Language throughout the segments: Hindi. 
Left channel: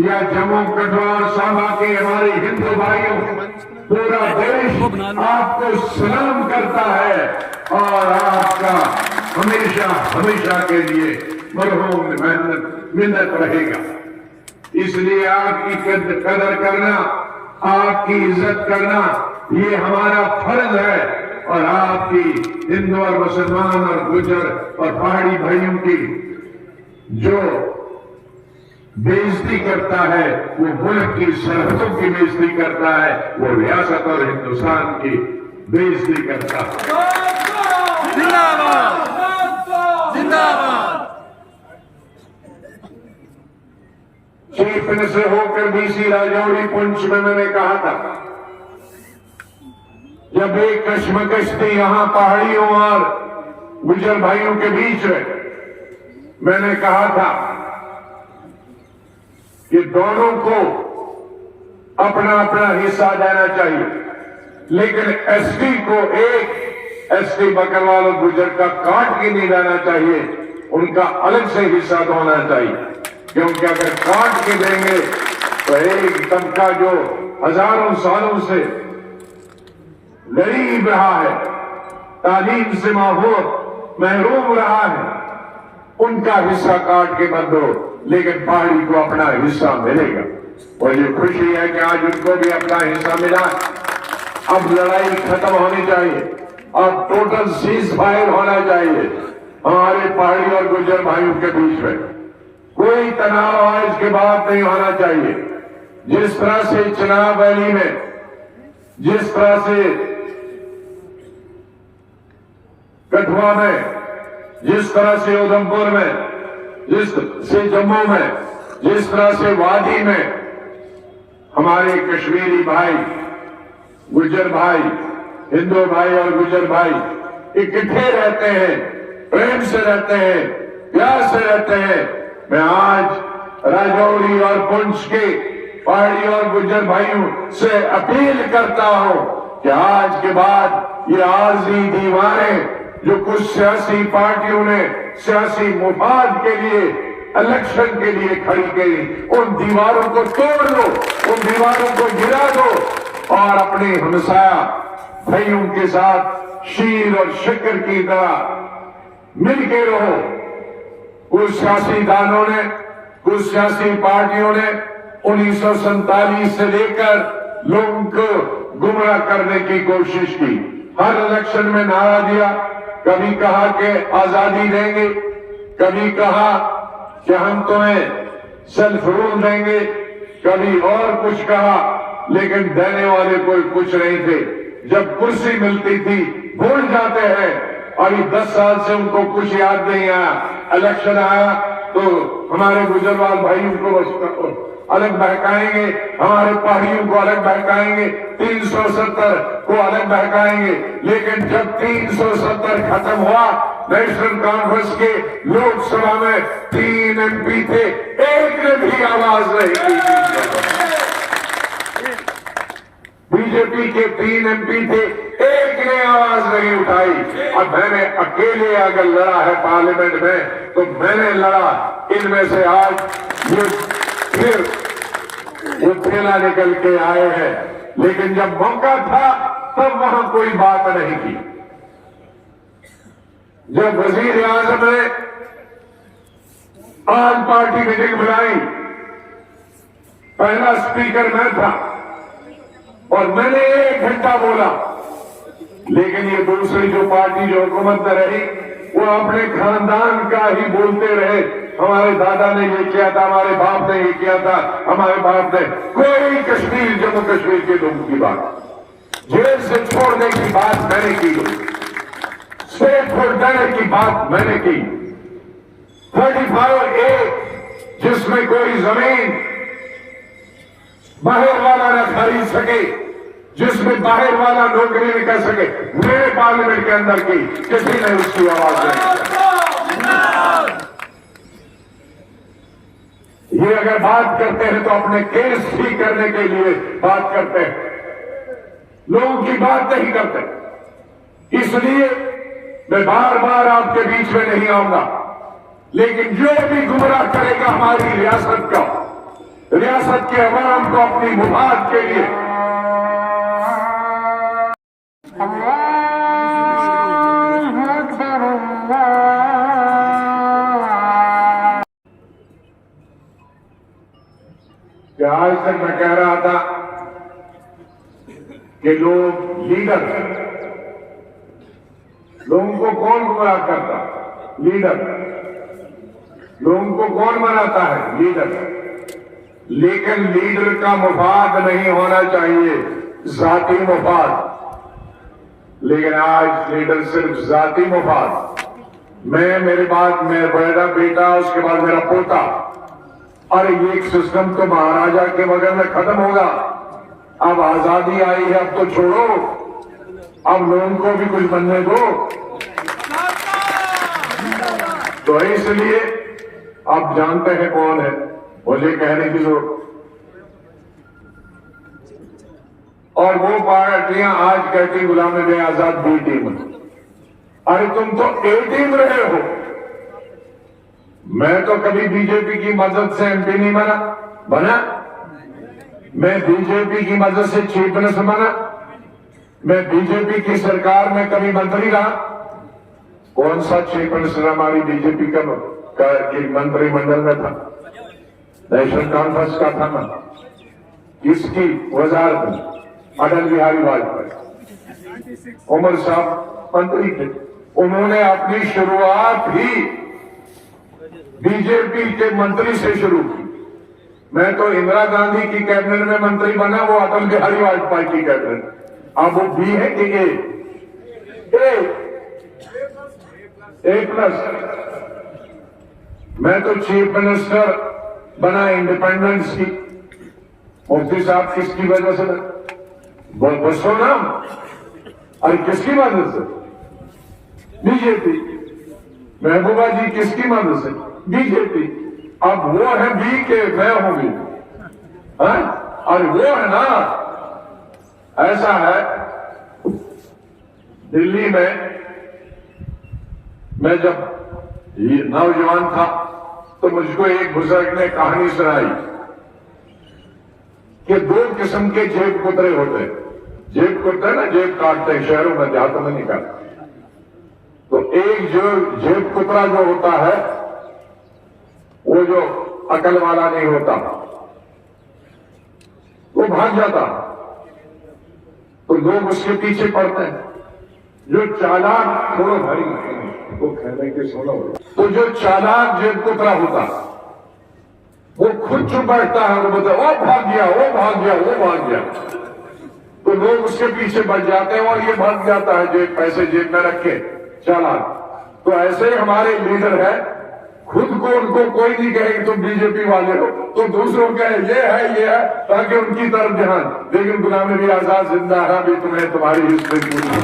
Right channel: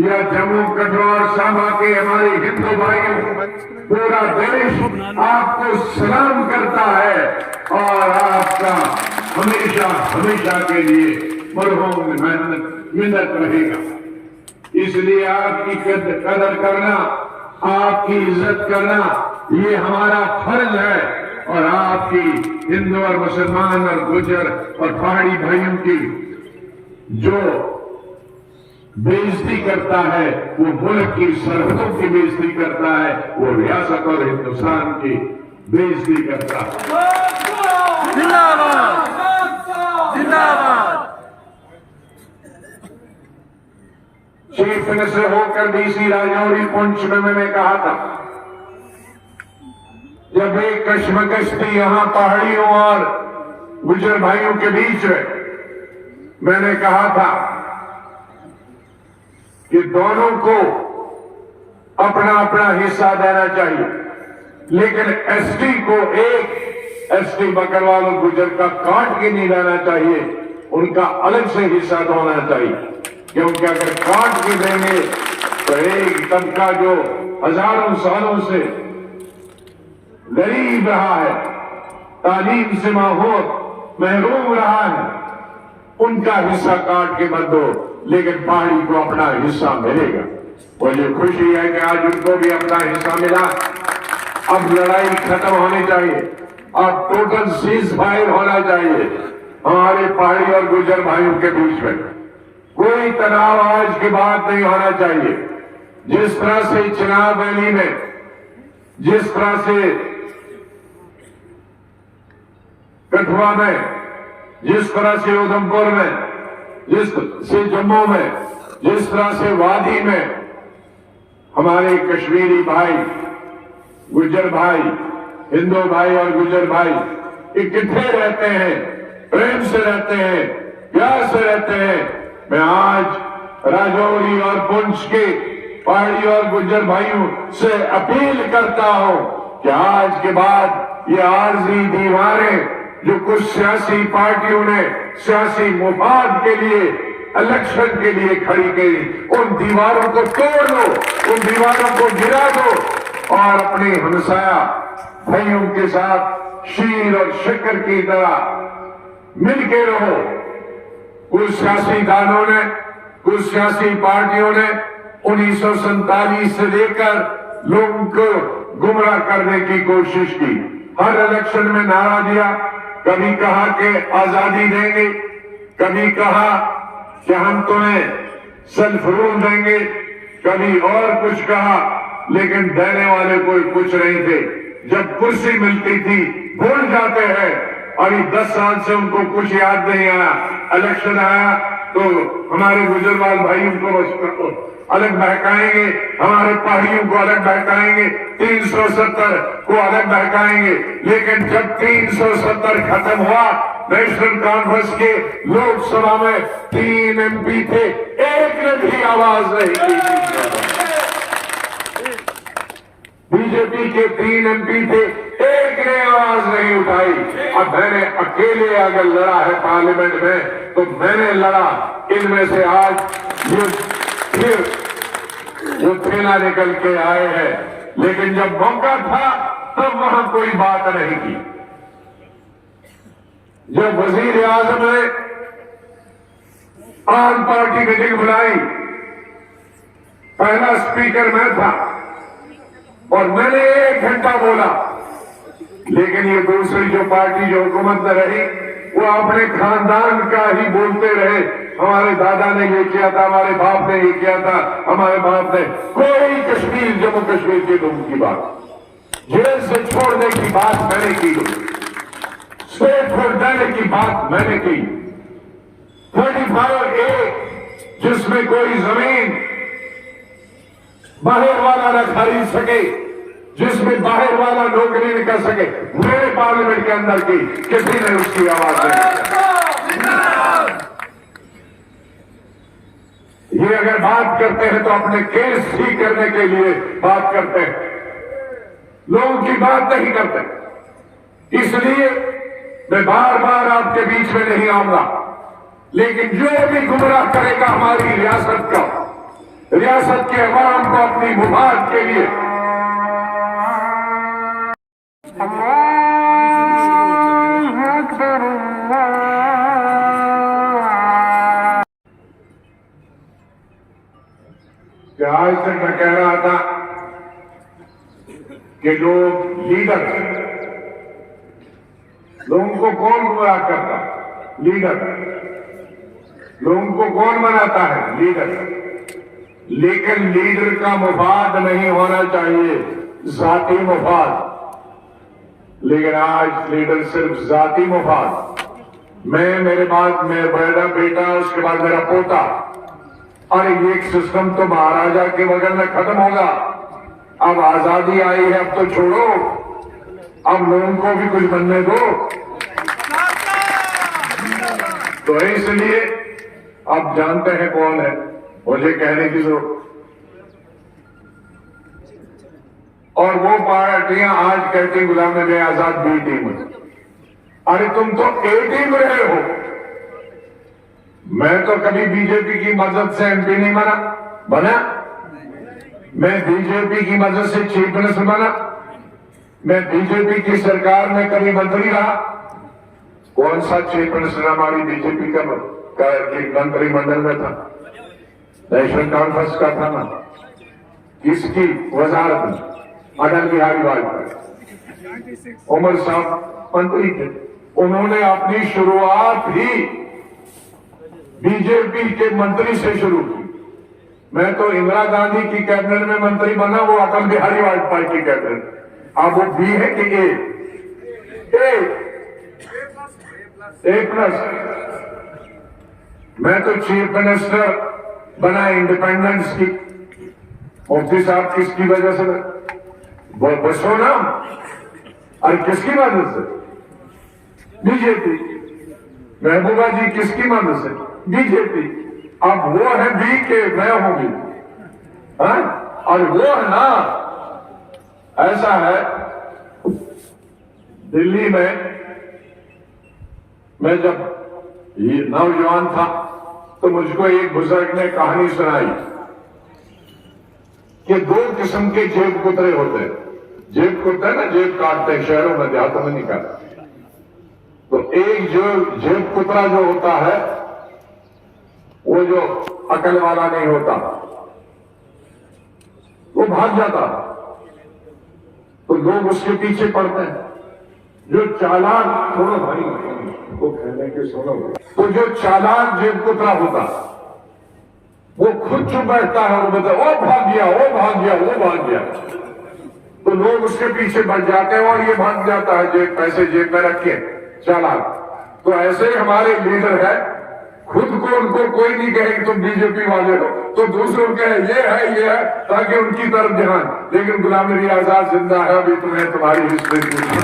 या जम्मू कठुआ सामा के हमारे हिंदू भाइयों, पूरा देश आपको सलाम करता है और आपका हमेशा हमेशा के लिए मरहूम मिन्नत रहेगा। इसलिए आपकी कदर करना, आपकी इज्जत करना ये हमारा फर्ज है और आपकी हिंदू और मुसलमान और गुजर और पहाड़ी भाइयों की जो बेइज्जती करता है, वो मुल्क की सरहदों की बेइज्जती करता है, वो रियासत और हिंदुस्तान की बेइज्जती करता है। चीफ मिनिस्टर होकर डीसी राजौरी पुंछ में मैंने कहा था, जब एक कश्मकश थी यहां पहाड़ियों और गुजर भाइयों के बीच में, मैंने कहा था कि दोनों को अपना अपना हिस्सा देना चाहिए, लेकिन एसटी को एक एसटी बकरवाल और गुजर का काट के नहीं देना चाहिए, उनका अलग से हिस्सा होना चाहिए। क्योंकि अगर काट के देंगे तो एक तबका जो हजारों सालों से गरीब रहा है, तालीम से महरूम रहा है, उनका हिस्सा काट के मत दो, लेकिन पहाड़ी को अपना हिस्सा मिलेगा। और ये खुशी है कि आज उनको भी अपना हिस्सा मिला। अब लड़ाई खत्म होनी चाहिए, अब टोटल सीज फायर होना चाहिए हमारे पहाड़ी और गुजर भाइयों के बीच में। कोई तनाव आज के बाद नहीं होना चाहिए। जिस तरह से चुनाव वैली में, जिस तरह से कठुआ में, जिस तरह से उधमपुर में, जिस से जम्मू में, जिस तरह से वादी में हमारे कश्मीरी भाई, गुजर भाई, हिंदू भाई और गुजर भाई इकट्ठे रहते हैं, प्रेम से रहते हैं, प्यार से रहते हैं। मैं आज राजौरी और पुंछ के पहाड़ी और गुजर भाइयों से अपील करता हूं कि आज के बाद ये आरजी दीवारें जो कुछ सियासी पार्टियों ने सियासी मुफाद के लिए, इलेक्शन के लिए खड़ी की, उन दीवारों को तोड़ दो, उन दीवारों को गिरा दो और अपने हमसाया भाइयों के साथ शीर और शक्कर की तरह मिलके रहो। कुछ सियासी दानों ने, कुछ सियासी पार्टियों ने 1947 से लेकर लोगों को गुमराह करने की कोशिश की। हर इलेक्शन में नारा दिया, कभी कहा कि आजादी देंगे, कभी कहा कि हम तुम्हें सेल्फ रूल देंगे, कभी और कुछ कहा, लेकिन देने वाले कोई कुछ नहीं थे। जब कुर्सी मिलती थी भूल जाते हैं। अभी 10 साल से उनको कुछ याद नहीं आया। इलेक्शन आया तो हमारे गुजरवाल भाइयों को अलग बहकाएंगे, हमारे पहाड़ियों को अलग बहकाएंगे, 370 को अलग बहकाएंगे। लेकिन जब 370 खत्म हुआ, नेशनल कॉन्फ्रेंस के लोकसभा में 3 MP थे, एक ने भी आवाज नहीं दी। बीजेपी के 3 MP थे, एक ने आवाज नहीं उठाई। अब मैंने अकेले अगर लड़ा है पार्लियामेंट में, तो मैंने लड़ा। इनमें से आज ये फिर वो थेला निकल के आए हैं, लेकिन जब मौका था तब वहां कोई बात नहीं की। जब वजीर आजम ने आम पार्टी मीटिंग बुलाई, पहला स्पीकर मैं था और मैंने 1 घंटा बोला, लेकिन ये दूसरी जो पार्टी जो हुकूमत में रही, वो अपने खानदान का ही बोलते रहे। हमारे दादा ने ये किया था, हमारे बाप ने ये किया था, हमारे बाप ने। कोई कश्मीर, जम्मू कश्मीर के लोगों की बात, जेल से छोड़ने की बात मैंने की, स्टेट को देने की बात मैंने की। 35A जिसमें कोई जमीन बाहर वाला न खरीद सके, जिसमें बाहर वाला नौकरी नहीं कर सके, मेरे पार्लियामेंट के अंदर की किसी ने उसकी आवाज नहीं। ये अगर बात करते हैं तो अपने केस ठीक करने के लिए बात करते हैं, लोगों की बात नहीं करते। इसलिए मैं बार बार आपके बीच में नहीं आऊंगा, लेकिन जो भी गुमराह करेगा हमारी रियासत का, रियासत के अवाम को अपनी मुफाद के लिए, आज तक मैं कह रहा था कि लोग लीडर, लोगों को कौन गुमराह करता? लीडर। लोगों को कौन बनाता है? लीडर। लेकिन लीडर का मुफाद नहीं होना चाहिए, जाती मुफाद। लेकिन आज लीडर सिर्फ जाती मुफाद, मैं, मेरे बाद मेरा बेटा, उसके बाद मेरा पोता। अरे ये सिस्टम तो महाराजा के बगल में खत्म होगा। अब आजादी आई है, अब तो छोड़ो, अब लोगों को भी कुछ बनने दो। तो इसलिए आप जानते हैं कौन है, मुझे कहने की जरूरत। और वो पार्टियां आज कहती गुलाम नबी आजाद बी टीम। अरे तुम तो ए टीम रहे हो। मैं तो कभी बीजेपी की मदद से MP नहीं बना। मैं बीजेपी की मदद से चीफ मिनिस्टर बना। मैं बीजेपी की सरकार में कभी मंत्री रहा। कौन सा चीफ मिनिस्टर हमारी बीजेपी का मंत्रिमंडल में था? नेशनल कॉन्फ्रेंस का था ना? किसकी वजारत में? अटल बिहारी वाजपेयी। उमर साहब मंत्री थे, उन्होंने अपनी शुरुआत ही बीजेपी के मंत्री से शुरू की। मैं तो इंदिरा गांधी की कैबिनेट में मंत्री बना, वो अटल बिहारी वाजपेयी की कैबिनेट। अब वो बी है कि ए प्लस। मैं तो चीफ मिनिस्टर बना इंडिपेंडेंस की। मुफ्ती साहब किसकी वजह से? वो दसो ना। अरे किसकी मदद से? बीजेपी। महबूबा जी किसकी मदद से? बीजेपी। अब वो है बी के मैं हूं भी, और वो है ना। ऐसा है, दिल्ली में मैं जब नौजवान था तो मुझको एक बुजुर्ग ने कहानी सुनाई कि 2 किस्म के जेब कुतरे होते हैं। जेब कुतरे ना, जेब काटते हैं, शहरों में देहातों में निकालते। तो एक जो जेब कुतरा जो होता है, वो जो अकल वाला नहीं होता, वो भाग जाता, तो लोग उसके पीछे पड़ते हैं। जो चालाक, थोड़ा भाई वो कहने के सुनो, तो जो चालाक जेब कुतरा होता, वो खुद चुप बैठता है और बोलता है, ओ भाग गया, वो भाग गया, वो भाग गया। तो लोग उसके पीछे बढ़ जाते हैं और ये भाग जाता है, जेब पैसे जेब में रखे, चालाक। तो ऐसे हमारे लीडर है, खुद को उनको कोई नहीं कहे कि तुम बीजेपी वाले हो, तो दूसरों कहे ये है, ताकि उनकी तरफ ध्यान। लेकिन गुलाम नबी आजाद जिंदा है, अभी तुम्हें तुम्हारी हिस्ट्री नहीं।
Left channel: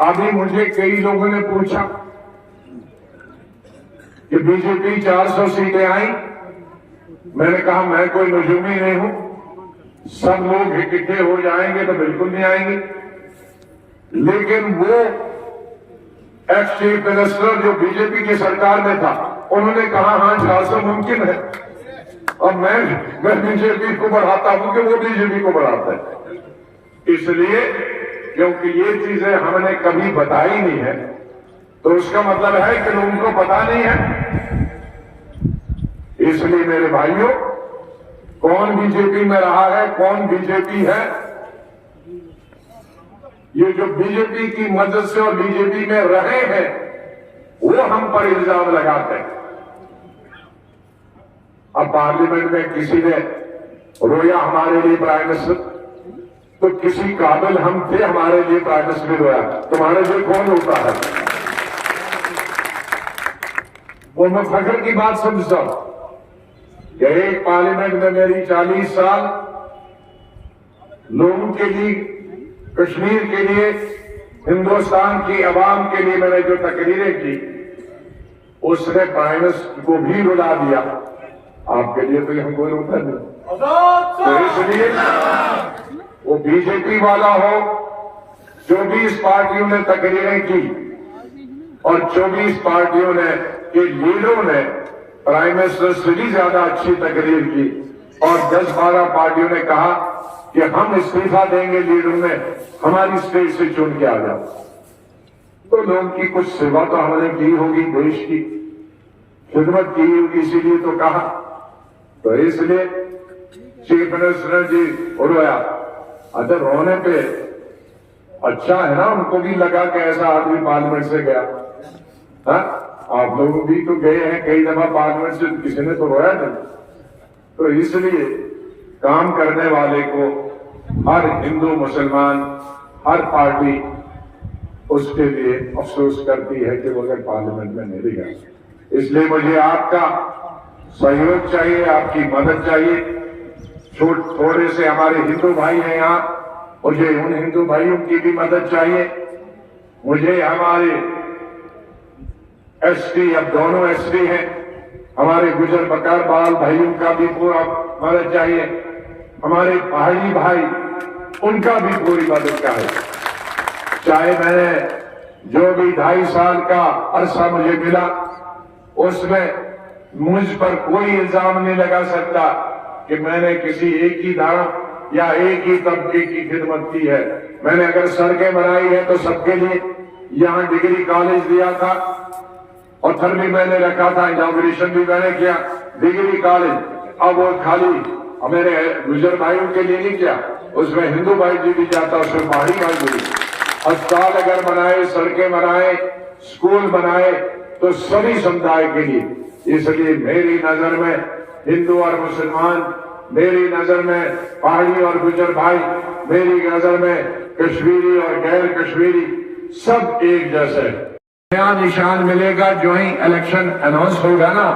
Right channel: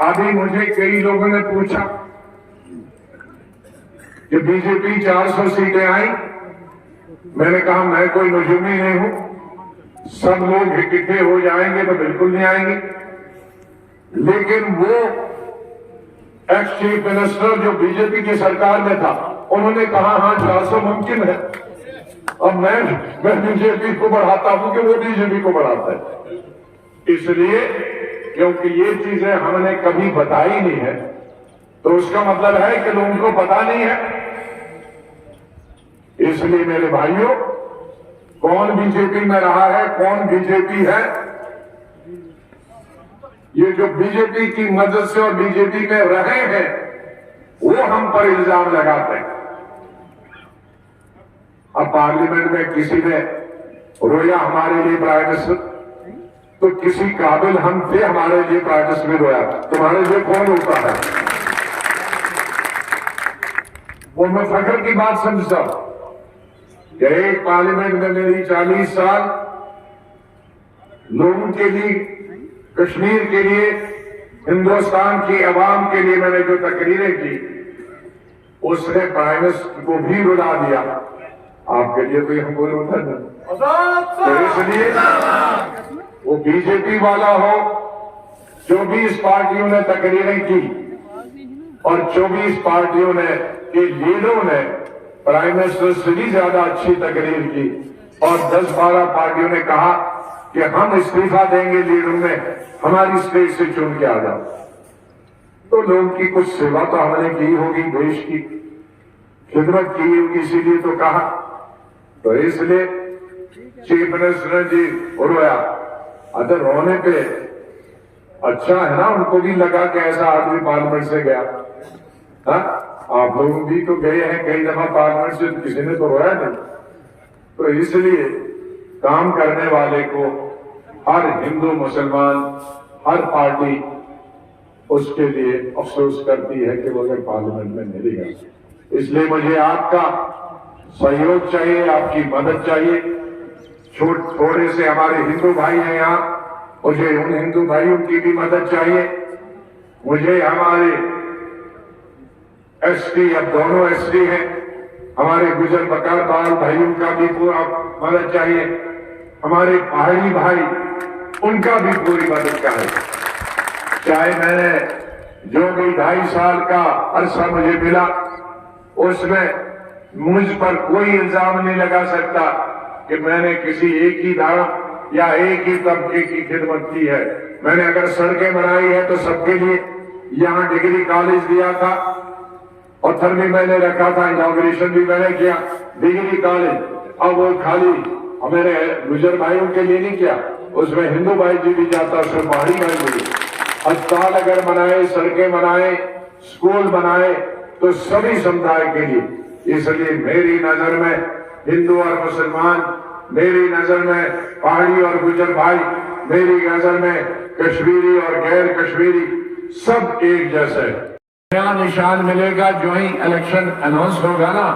अभी मुझे कई लोगों ने पूछा कि बीजेपी 400 सीटें आई। मैंने कहा मैं कोई नजूमी नहीं हूं, सब लोग इकट्ठे हो जाएंगे तो बिल्कुल नहीं आएंगे। लेकिन वो एक्स चीफ मिनिस्टर जो बीजेपी की सरकार में था, उन्होंने कहा हाँ 400 मुमकिन है, और मैं बीजेपी को बढ़ाता हूं कि वो बीजेपी को बढ़ाता है। इसलिए क्योंकि ये चीजें हमने कभी बताई नहीं है, तो उसका मतलब है कि लोगों को पता नहीं है। इसलिए मेरे भाइयों, कौन बीजेपी में रहा है, कौन बीजेपी है, ये जो बीजेपी की मदद से और बीजेपी में रहे हैं, वो हम पर इल्जाम लगाते हैं। अब पार्लियामेंट में किसी ने रोया हमारे लिए प्राइम मिनिस्टर, तो किसी काबिल हम थे हमारे लिए प्राइम मिनिस्टर रोया, तुम्हारे लिए कौन रोता है? वो मैं फख्र की बात समझता हूं कि एक पार्लियामेंट में मेरी 40 साल लोगों के लिए, कश्मीर के लिए, हिंदुस्तान की आवाम के लिए मैंने जो तकरीरें की, उसने प्राइम मिनिस्टर को भी रुला दिया। आपके लिए तो हम कोई रुका नहीं। तो इसलिए वो बीजेपी वाला हो, 24 पार्टियों ने तकरीरें की और 24 पार्टियों ने के लीडरों ने प्राइम मिनिस्टर से भी ज्यादा अच्छी तकरीर की, और 10-12 पार्टियों ने कहा कि हम इस्तीफा देंगे लीडरों में, हमारी स्टेज से चुन के आ जाओ। तो लोगों की कुछ सेवा तो हमने की होगी, देश की खिदमत की होगी, इसीलिए तो कहा। तो इसलिए चीफ मिनिस्टर जी रोया। अच्छा, रोने पे अच्छा है ना, उनको भी लगा कि ऐसा आदमी पार्लियामेंट से गया। हा? आप लोग भी तो गए हैं कई दफा पार्लियामेंट से, किसी ने तो रोया नहीं। तो इसलिए काम करने वाले को हर हिंदू मुसलमान, हर पार्टी उसके लिए अफसोस करती है कि वो अगर पार्लियामेंट में नहीं गया। इसलिए मुझे आपका सहयोग चाहिए, आपकी मदद चाहिए। थोड़े से हमारे हिंदू भाई हैं यहाँ, मुझे उन हिंदू भाइयों की भी मदद चाहिए। मुझे हमारे एसटी, अब दोनों एसटी हैं, हमारे गुजर बकरवाल भाइयों का भी पूरा मदद चाहिए। हमारे पहाड़ी भाई, उनका भी पूरी मदद का है। चाहे मैंने जो भी 2.5 साल का अरसा मुझे मिला, उसमें मुझ पर कोई इल्जाम नहीं लगा सकता कि मैंने किसी एक ही धर्म या एक ही तबके की खिदमत की है। मैंने अगर सड़कें बनाई है तो सबके लिए, यहां डिग्री कॉलेज दिया था, पत्थर भी मैंने रखा था, इनॉग्रेशन भी मैंने किया, डिग्री कॉलेज। अब वो खाली मेरे गुजर भाइयों के लिए नहीं किया, उसमें हिंदू भाई जी भी जाता, उसमें पहाड़ी भाई भी। अस्पताल अगर बनाए, सड़कें बनाए, स्कूल बनाए, तो सभी समुदाय के लिए। इसलिए मेरी नजर में हिंदू और मुसलमान, मेरी नजर में पहाड़ी और गुजर भाई, मेरी नजर में कश्मीरी और गैर कश्मीरी, सब एक जैसे। नया निशान मिलेगा जो ही इलेक्शन अनाउंस होगा ना,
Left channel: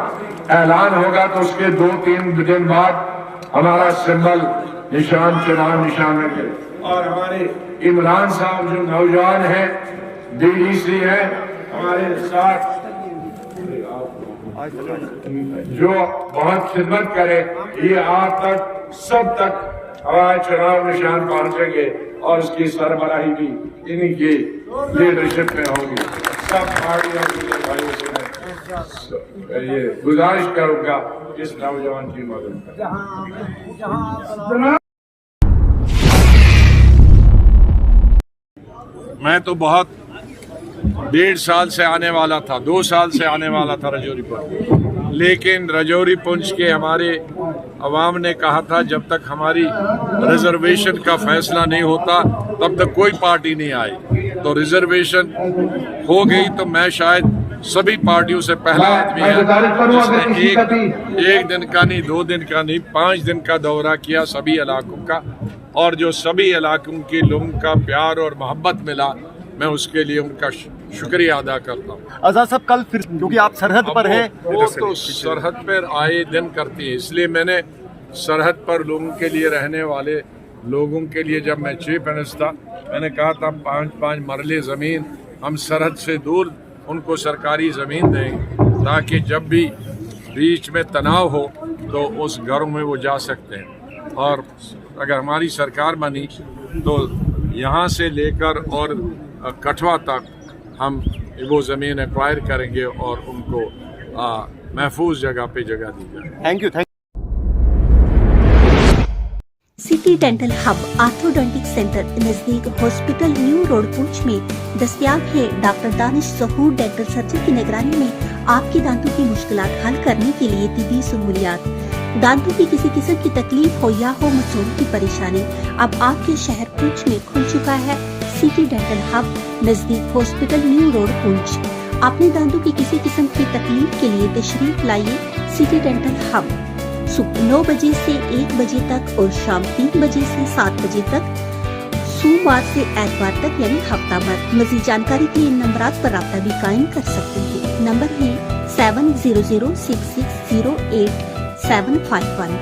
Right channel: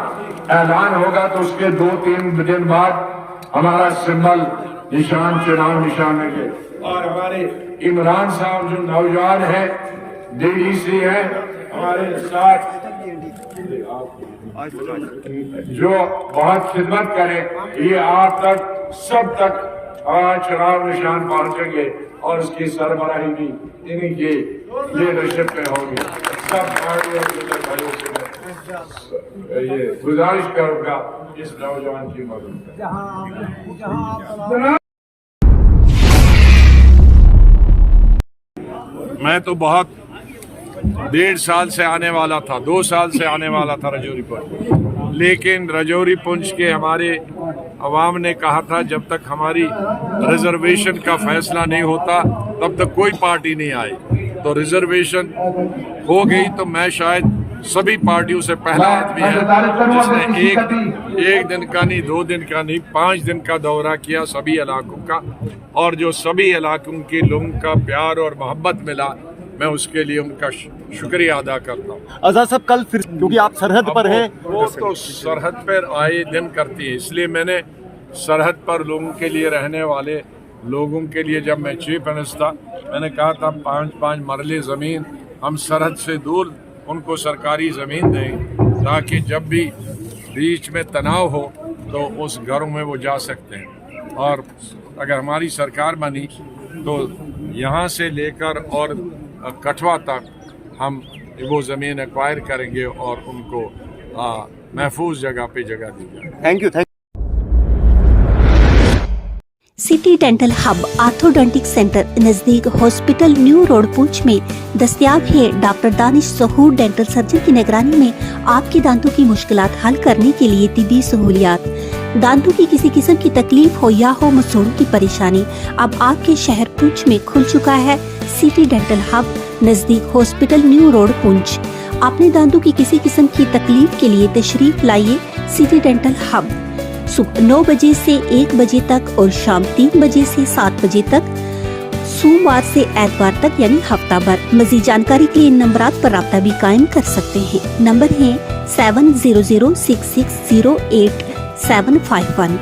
ऐलान होगा, तो उसके 2-3 दिन बाद हमारा सिंबल निशान, चुनाव निशान में। और हमारे इमरान साहब जो नौजवान हैं, डीडीसी हैं, हमारे साथ जो बहुत खिदमत करे, ये आप तक, सब तक हमारे चुनाव निशान पहुंचेंगे, और उसकी सरबराही भी इन्हीं की लीडरशिप में होगी। सब पार्टी और भाइयों से ये गुजारिश करूंगा इस नौजवान की मदद। मैं तो बहुत 1.5 साल से आने वाला था, 2 साल से आने वाला था रजौरी पुंछ, लेकिन रजौरी पुंछ के हमारे अवाम ने कहा था जब तक हमारी रिजर्वेशन का फैसला नहीं होता तब तक कोई पार्टी नहीं आई। तो रिजर्वेशन हो गई तो मैं शायद सभी पार्टियों से पहला आदमी है जिसने एक दिन का नहीं, 2 दिन का नहीं, 5 दिन का दौरा किया सभी इलाकों का, और जो सभी इलाकों के लोगों का प्यार और मोहब्बत मिला मैं उसके लिए उनका शुक्रिया अदा करता हूँ। आजाद साहब कल फिर, क्योंकि आप सरहद पर हैं, वो तो सरहद पर आए दिन करती है, इसलिए मैंने सरहद पर लोगों के लिए, रहने वाले लोगों के लिए, जब मैं चीफ मिनिस्टर था, मैंने कहा था 5-5 मरले ज़मीन हम सरहद से दूर उनको सरकारी ज़मीन दें, ताकि जब भी बीच में तनाव हो तो उस घरों में वो जा सकते हैं। और अगर हमारी सरकार बनी तो यहाँ से लेकर और कठवा तक हम वो ज़मीन एक्वायर करेंगे और उनको महफूज जगह पे जगह दी जाए। Thank you. City dental hub orthodontic centre नजदीक हॉस्पिटल न्यू रोड पुंछ में दस्तयाब है। डॉक्टर दानिश सहूर डेंटल सर्जन की निगरानी में आपके दांतों की मुश्किलात हल करने के लिए तिब्बी सहूलियात। दांतों की किसी किस्म की तकलीफ हो या हो मसूड़ों की परेशानी, अब आपके शहर पुंछ में खुल चुका है सिटी डेंटल हब नजदीक हॉस्पिटल न्यू रोड पुंछ। अपने दांतों की किसी किस्म की तकलीफ के लिए तशरीफ लाइए सिटी डेंटल हब। सुबह 9 बजे से 1 बजे तक और शाम 3 बजे से 7 बजे तक, सोमवार से एतवार तक यानी हफ्ता भर। मजीद जानकारी के लिए इन नंबरात पर राब्ता भी कायम कर सकते हैं। नंबर है 7006608751।